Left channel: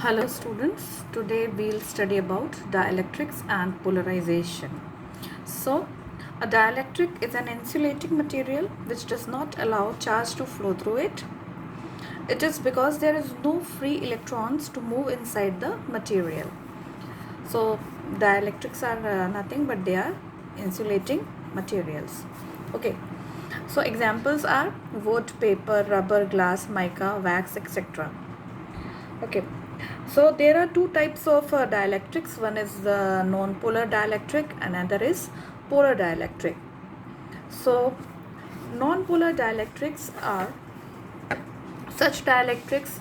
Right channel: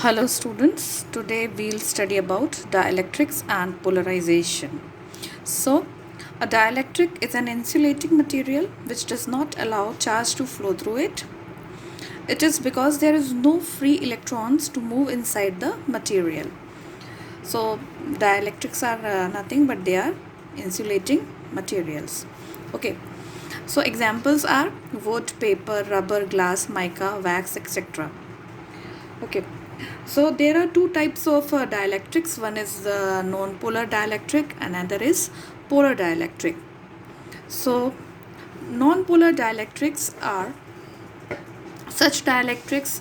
Hello students, today we'll study about dielectrics and polarization. So, a dielectric is an insulating material which does not allow charge to flow through it. It is because there is no free electrons to move inside the material. So, dielectrics are nothing but they are insulating materials. Okay, so examples are wood, paper, rubber, glass, mica, wax, etc. Okay, so there are two types of dielectrics. One is the non-polar dielectric, another is polar dielectric. So non-polar dielectrics are such dielectrics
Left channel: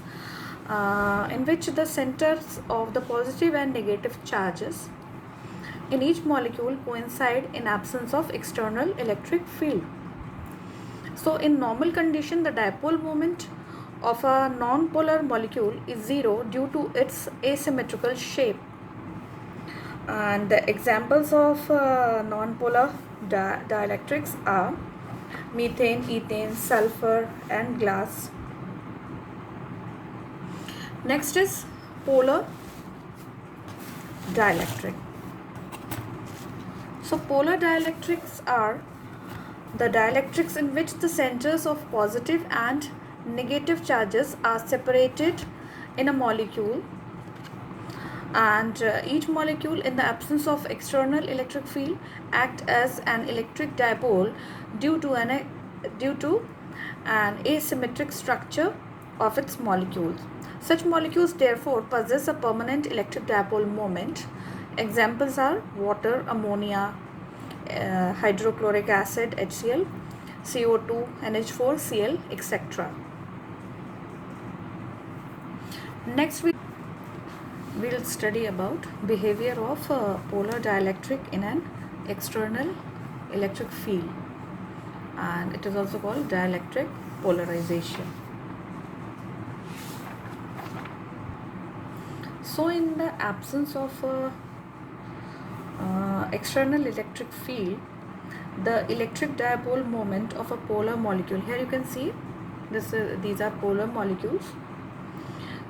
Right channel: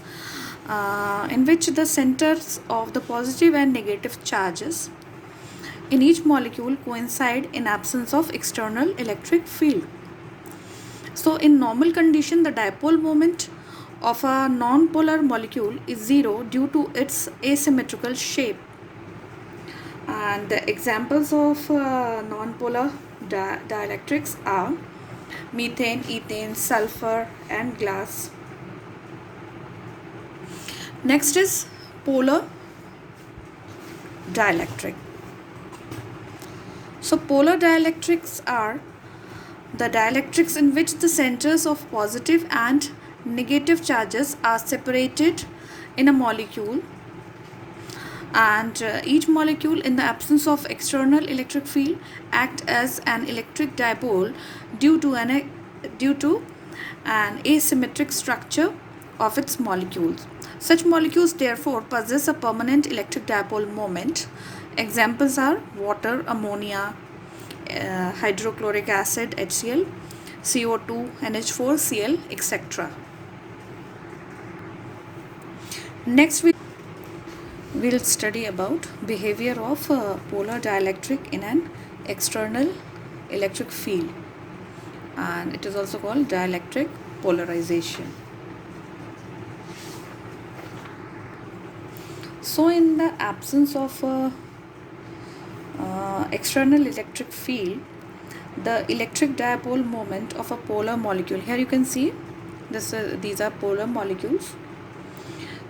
in which the centers of the positive and negative charges in each molecule coincide in absence of external electric field. So in normal condition, the dipole moment of a non-polar molecule is zero due to its asymmetrical shape. And the examples of non-polar dielectrics are methane, ethane, sulfur and glass. Next is polar dielectric. So polar dielectrics are the dielectrics in which the centers of positive and negative charges are separated in a molecule, and each molecule in the absence of external electric field act as an electric dipole due to an asymmetric structure of its molecules. Such molecules therefore possess a permanent electric dipole moment. Examples are water, ammonia, hydrochloric acid HCl, CO2, NH4, Cl, etc. Next we'll study about behavior of polar dielectric in an external electric field, and it is also called dielectric polarization. So in the absence of external electric field, the electric dipole moment of a polar molecule, here you can see these are polar molecules.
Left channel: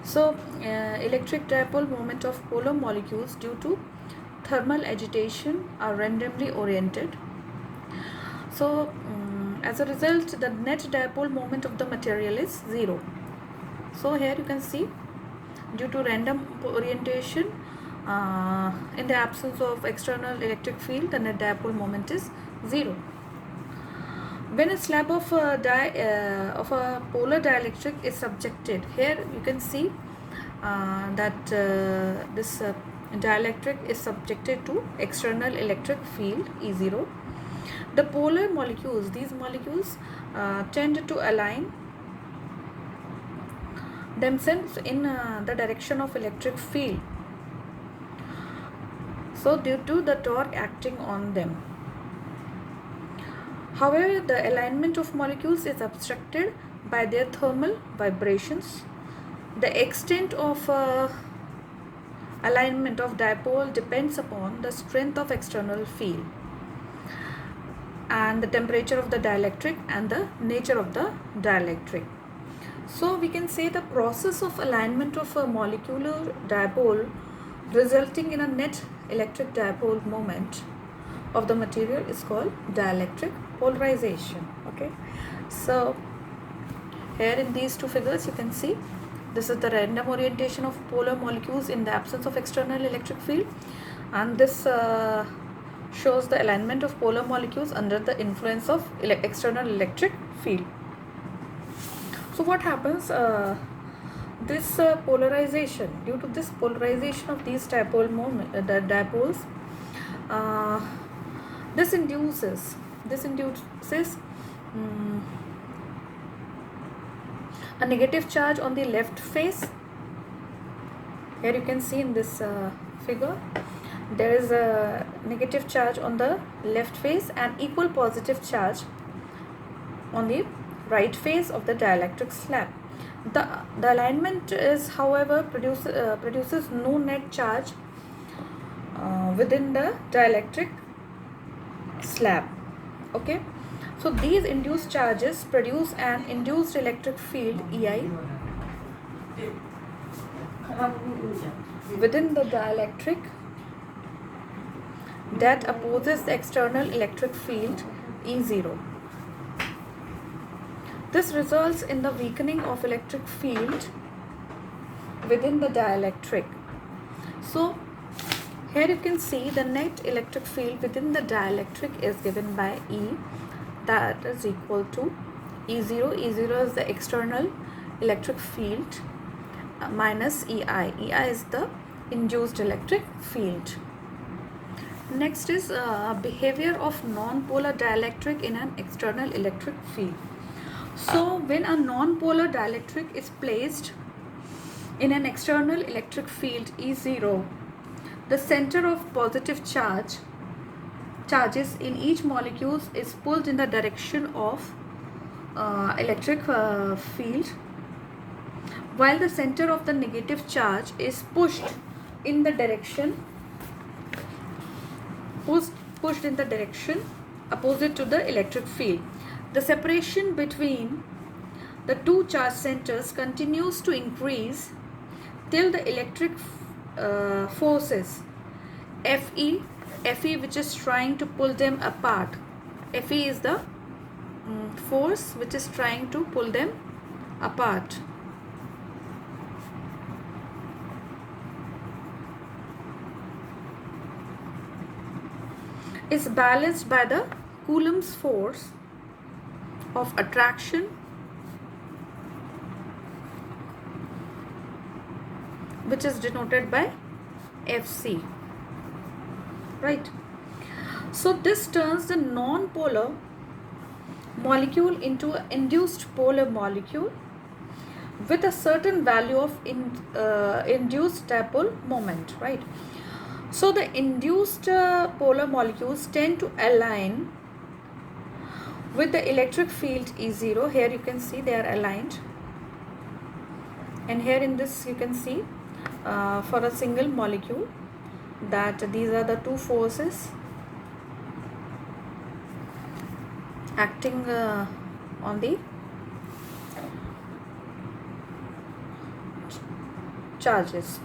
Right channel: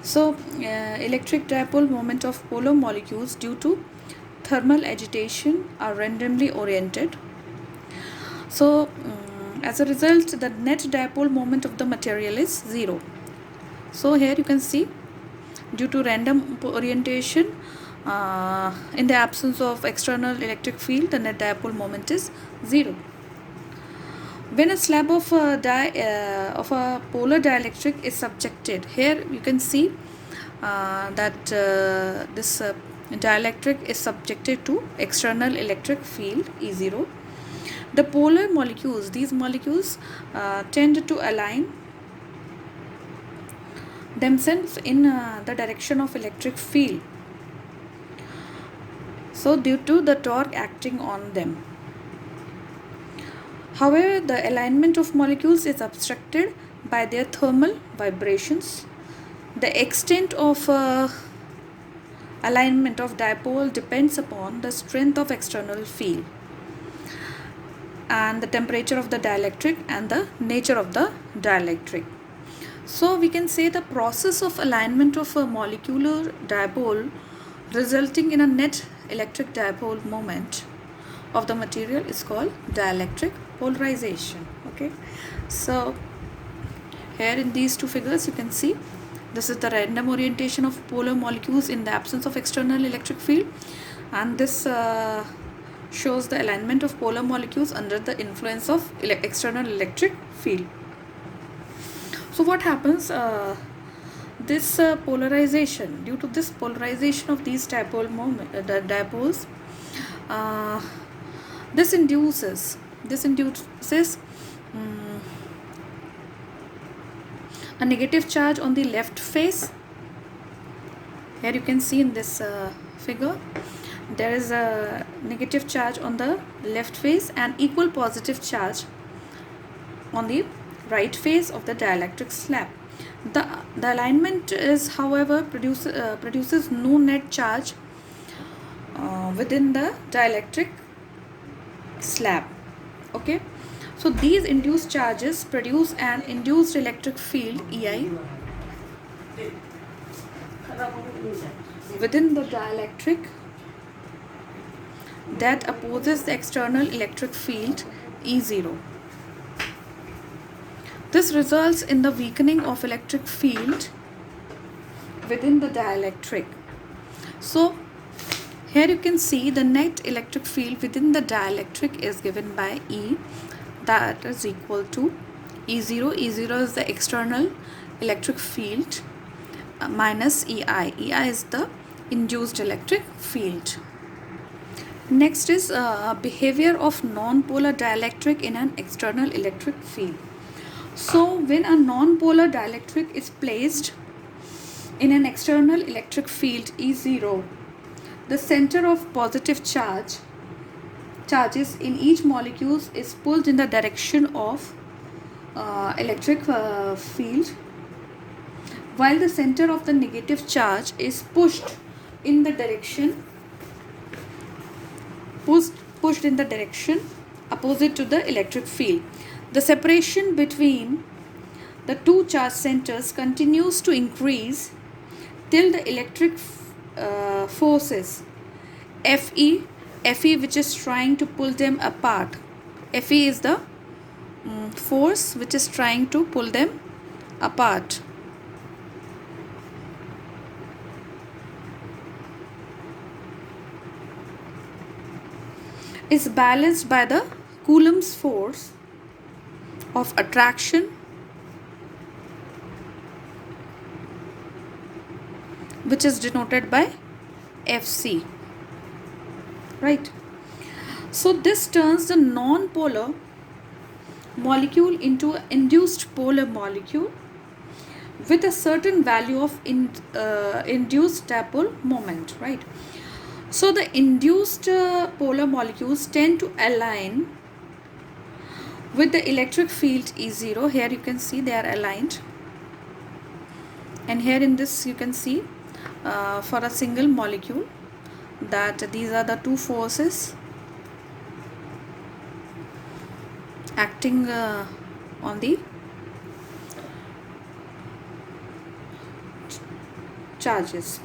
So electric dipole moment of polar molecules due to thermal agitation are randomly oriented. So as a result, the net dipole moment of the material is zero. So here you can see, due to random orientation, in the absence of external electric field, the net dipole moment is zero. When a slab of a polar dielectric is subjected, here you can see that this dielectric is subjected to external electric field E0. The polar molecules, these molecules tend to align themselves in the direction of electric field, so due to the torque acting on them. However, the alignment of molecules is obstructed by their thermal vibrations. The extent of alignment of dipole depends upon the strength of external field and the temperature of the dielectric and the nature of the dielectric. So we can say the process of alignment of a molecular dipole resulting in a net electric dipole moment of the material is called dielectric polarization. Okay, so here in these two figures you can see this is the random orientation of polar molecules in the absence of external electric field, and this shows the alignment of polar molecules under the influence of external electric field. So what happens, this polarization, due to this polarization of these dipoles, this induces a negative charge on the left face. Here you can see in this figure there is a negative charge on the left face and equal positive charge on the right face of the dielectric slab. The alignment is, however, produces no net charge within the dielectric slab. Okay, so these induced charges produce an induced electric field EI within the dielectric that opposes the external electric field E0. This results in the weakening of electric field within the dielectric. So here you can see the net electric field within the dielectric is given by E, that is equal to E0. E0 is the external electric field minus EI. EI is the induced electric field. Next is behavior of non-polar dielectric in an external electric field. So when a non-polar dielectric is placed in an external electric field E0, the center of positive charges in each molecule is pulled in the direction of electric field, while the center of the negative charge is pushed in the direction opposite to the electric field. The separation between the two charge centers continues to increase till the electric forces Fe which is trying to pull them apart. Fe is the force which is trying to pull them apart. Is balanced by the Coulomb's force of attraction which is denoted by Fc, right? So this turns the non-polar molecule into an induced polar molecule with a certain value of induced dipole moment, right? So the induced polar molecules tend to align with the electric field E0. Here you can see they are aligned, and here in this you can see for a single molecule that these are the two forces acting on the charges.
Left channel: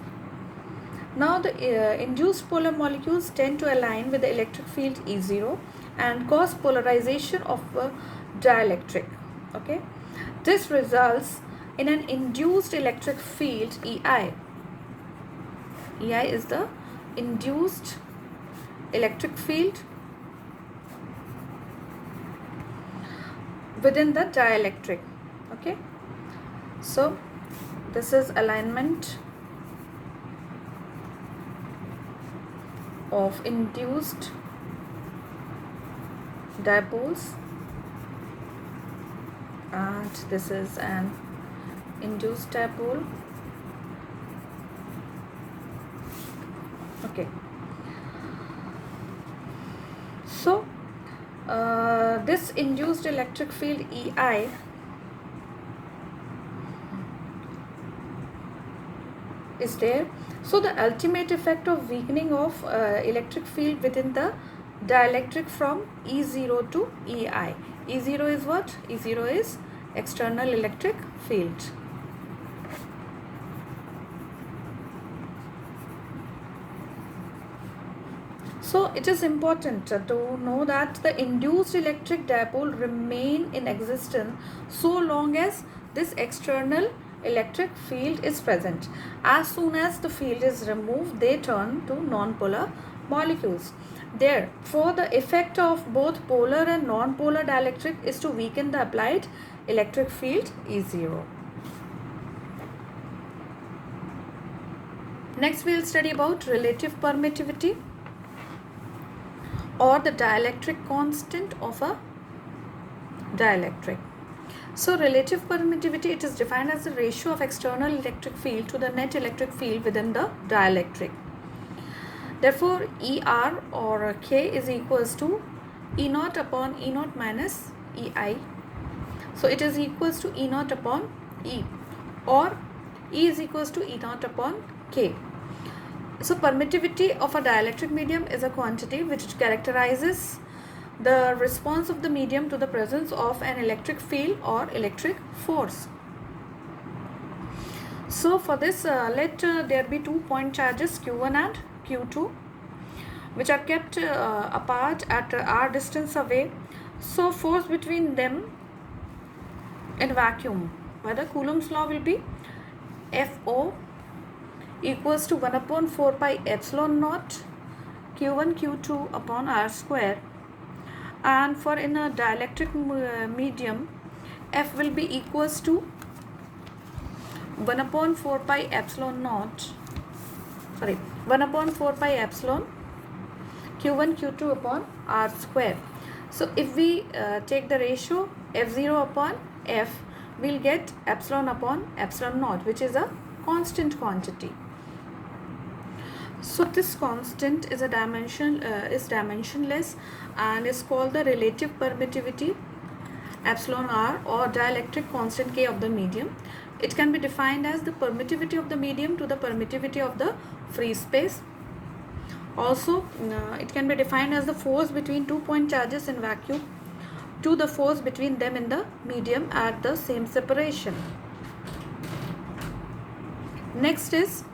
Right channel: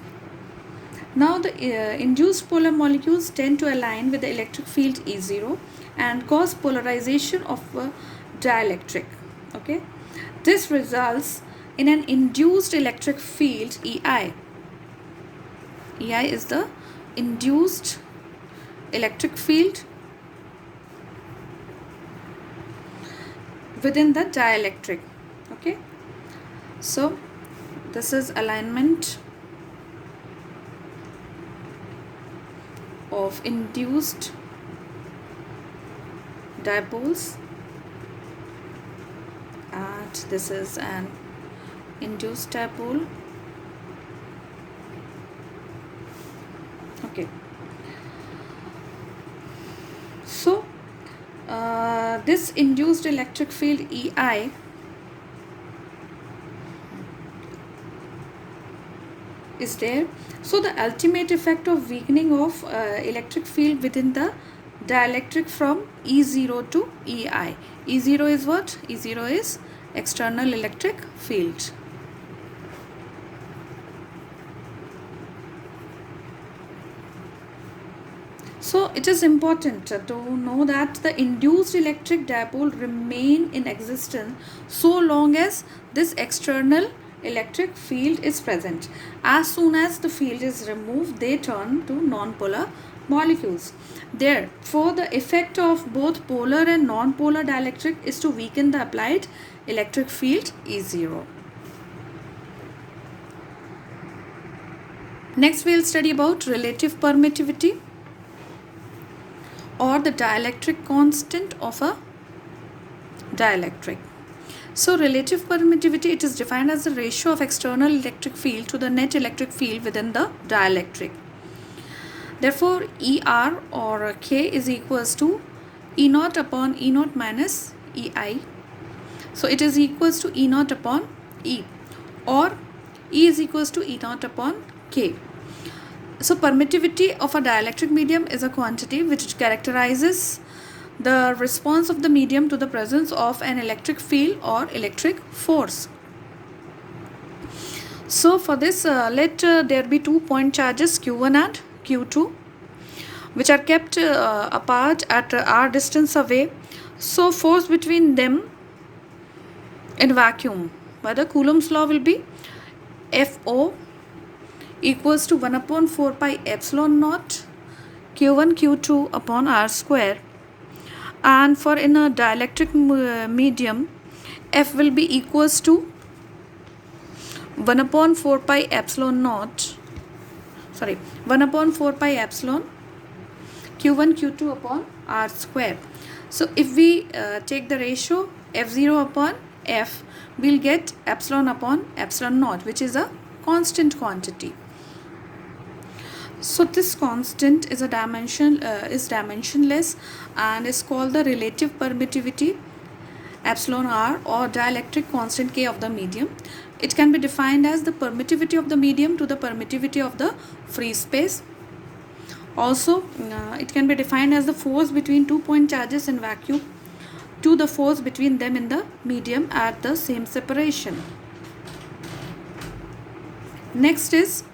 Now the induced polar molecules tend to align with the electric field E0 and cause polarization of a dielectric. Okay, this results in an induced electric field EI. EI is the induced electric field within the dielectric. Okay, so this is alignment of induced dipoles, and this is an induced dipole. Okay, so this induced electric field EI is there. So the ultimate effect of weakening of electric field within the dielectric from E0 to EI. E0 is what? E0 is external electric field. So it is important to know that the induced electric dipole remain in existence so long as this external electric field is present. As soon as the field is removed, they turn to non-polar molecules. Therefore, the effect of both polar and non-polar dielectric is to weaken the applied electric field E0. Next, we will study about relative permittivity, or the dielectric constant of a dielectric. So relative permittivity, it is defined as the ratio of external electric field to the net electric field within the dielectric. Therefore, ER or K is equals to E naught upon E naught minus EI. So it is equals to E naught upon E, or E is equals to E naught upon K. So permittivity of a dielectric medium is a quantity which characterizes the response of the medium to the presence of an electric field or electric force. So for this, let there be 2 point charges Q1 and Q2, which are kept apart at r distance away. So force between them in vacuum by the Coulomb's law will be FO equals to 1 upon 4 pi epsilon naught Q1 Q2 upon r square. And for in a dielectric medium, F will be equals to 1 upon 4 pi epsilon naught, 1 upon 4 pi epsilon Q1 Q2 upon r square. So if we take the ratio F0 upon F, we'll get epsilon upon epsilon naught, which is a constant quantity. So this constant is dimensionless and is called the relative permittivity epsilon r, or dielectric constant K of the medium. It can be defined as the permittivity of the medium to the permittivity of the free space. Also, it can be defined as the force between 2 point charges in vacuum to the force between them in the medium at the same separation. Next is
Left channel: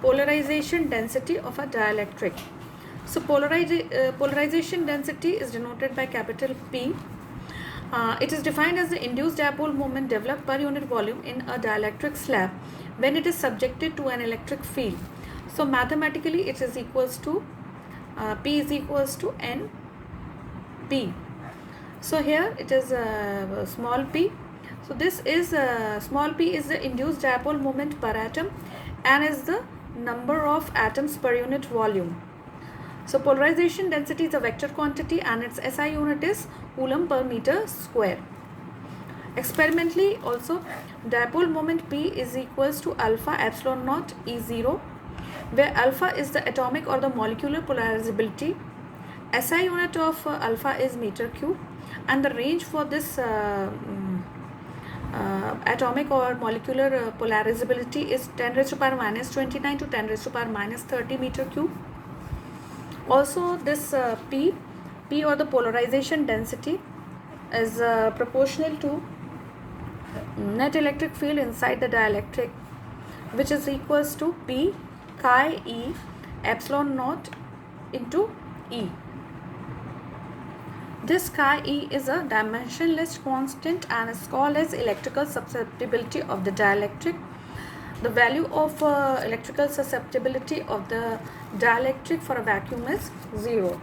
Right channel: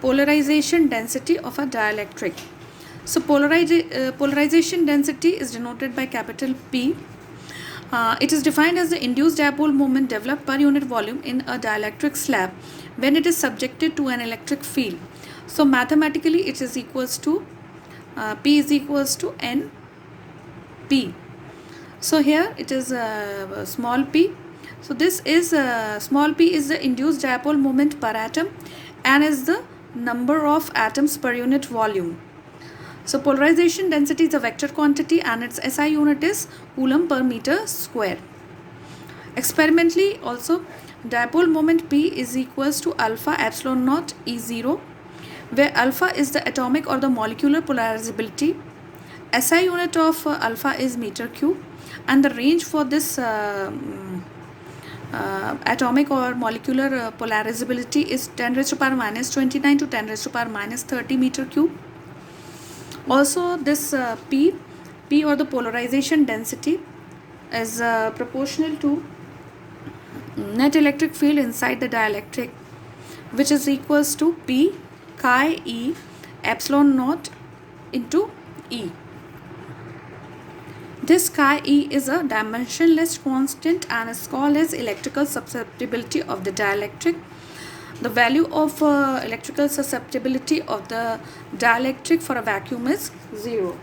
polarization density of a dielectric. So polarization density is denoted by capital P. It is defined as the induced dipole moment developed per unit volume in a dielectric slab when it is subjected to an electric field. So mathematically it is equals to P is equals to NP. So here it is small p. So this is small p is the induced dipole moment per atom and is the number of atoms per unit volume. So polarization density is a vector quantity and its SI unit is Coulomb per meter square. Experimentally also, dipole moment P is equals to alpha epsilon naught E0, where alpha is the atomic or the molecular polarizability. SI unit of alpha is meter cube, and the range for this atomic or molecular polarizability is 10 raised to power minus 29 to 10 raised to power minus 30 meter cube. Also this P or the polarization density is proportional to net electric field inside the dielectric, which is equals to P chi E epsilon naught into E. This chi E is a dimensionless constant and is called as electrical susceptibility of the dielectric. The value of electrical susceptibility of the dielectric for a vacuum is 0.